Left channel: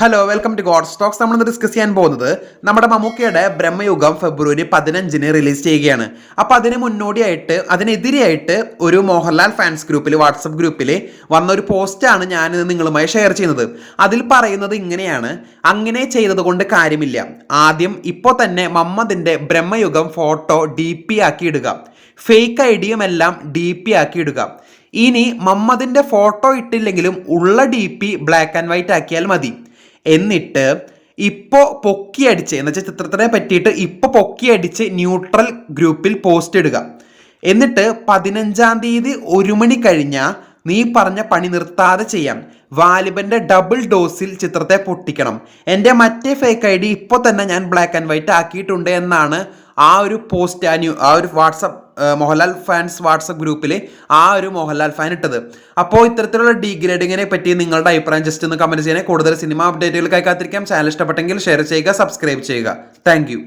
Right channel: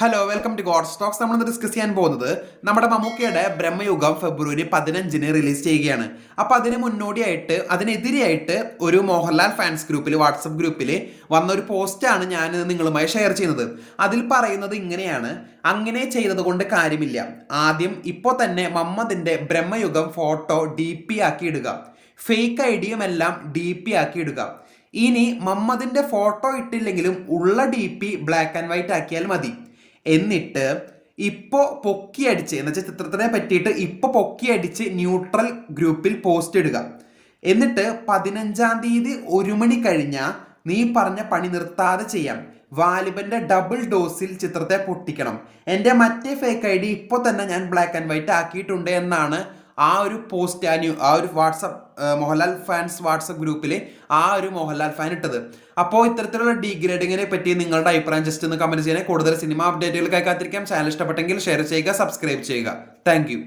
Hello welcome to god stocks നമ്മൾ discuss ചെയ്യാൻ പോകുന്നത് നമ്മുടെ മമ്മൂക്കയുടെ ബ്രഹ്മയുഗം ഫെബ്രുവരി പതിനഞ്ചിന് റിലീസ് ചെയ്യുകയാണ്. അപ്പൊ അതിന് മുന്നോടിയായിട്ട് അതിനെതിരെയായിട്ട് ഒരു മോഹൻലാൽ ഫാൻസ് ഗ്രൂപ്പിൽ വാട്സപ്പ് ഗ്രൂപ്പിൽ വന്ന ഒരു പോസ്റ്റാണ് ഞാൻ നിങ്ങളുമായി ഷെയർ ചെയ്യുന്നത്. അതിൽ പറയുന്നത് ഇങ്ങനെയാണ്. അങ്ങനെ ചെയ്തത് കൊണ്ട് കാര്യമില്ല. ആദ്യം ഇപ്പോൾ തന്നെ മമ്മദിന്റെ ബ്രഹ്മയുഗം ഫോട്ടോ ഡി പി ആക്കി ഇടുക ഫേക്ക് ഐഡിയും എല്ലാം ഡി പി ആക്കി ഇടുക ഇനി മമ്മദിന്റെ ഫോട്ടോ ഇട്ടില്ലെങ്കിലും ഉള്ള D P black and white ആക്കിയാൽ മതി. എന്നിട്ട് ഇപ്പോൾ പൊക്കിയടിച്ച് എന്ന് വെച്ചാൽ ചിത്രത്തിനെ പറ്റിയിട്ട് ഇപ്പോൾ പൊക്കിയടിച്ച് ന്യൂട്രൽ ഗ്രൂപ്പിൽ പോസ്റ്റ് ഇടുക. എന്നിട്ട് പതിനഞ്ചാം തീയതി ഒരു മണി കഴിഞ്ഞാൽ നീ പറഞ്ഞ പണി നിർത്താതെ ചെയ്യാം. വാലിബന്റെ ഡബിൾ ഡോസിൽ ചിത്രത്തെ പൊട്ടിക്കണം. എന്റെ മറ്റേ ഫേക്ക് ഐ ഡി ഇപ്പോൾ തന്നെ ഞാൻ ബ്ലാക്ക് ആൻഡ് വൈറ്റ് ആക്കിയിട്ടുണ്ട് എന്നാണ് ആ ഒരു പോസ്റ്റ് ആ ആ ഒരു വാട്സപ്പ് മോഹൻലാൽ ഫാൻസ് വാട്സപ്പ് ഗ്രൂപ്പിൽ ആ ഒരു മോഹൻലാൽ ഫാൻ ഇട്ടത്. അപ്പോൾ ഇത്തരത്തിലുള്ള ഡീഗ്രേഡിങ്ങിനെ പറ്റി നിങ്ങളുടെ അഭിപ്രായം ജസ്റ്റ് ഒന്ന് കമന്റ് ചെയ്യണേ. കൂടുതൽ സിനിമ അപ്ഡേറ്റുകൾക്കായി കാത്തിരിക്കാം. ചാനൽ ഇഷ്ടപ്പെട്ടെങ്കിൽ ഷെയർ ചെയ്യുക സബ്സ്ക്രൈബ് ചെയ്യുക. താങ്ക്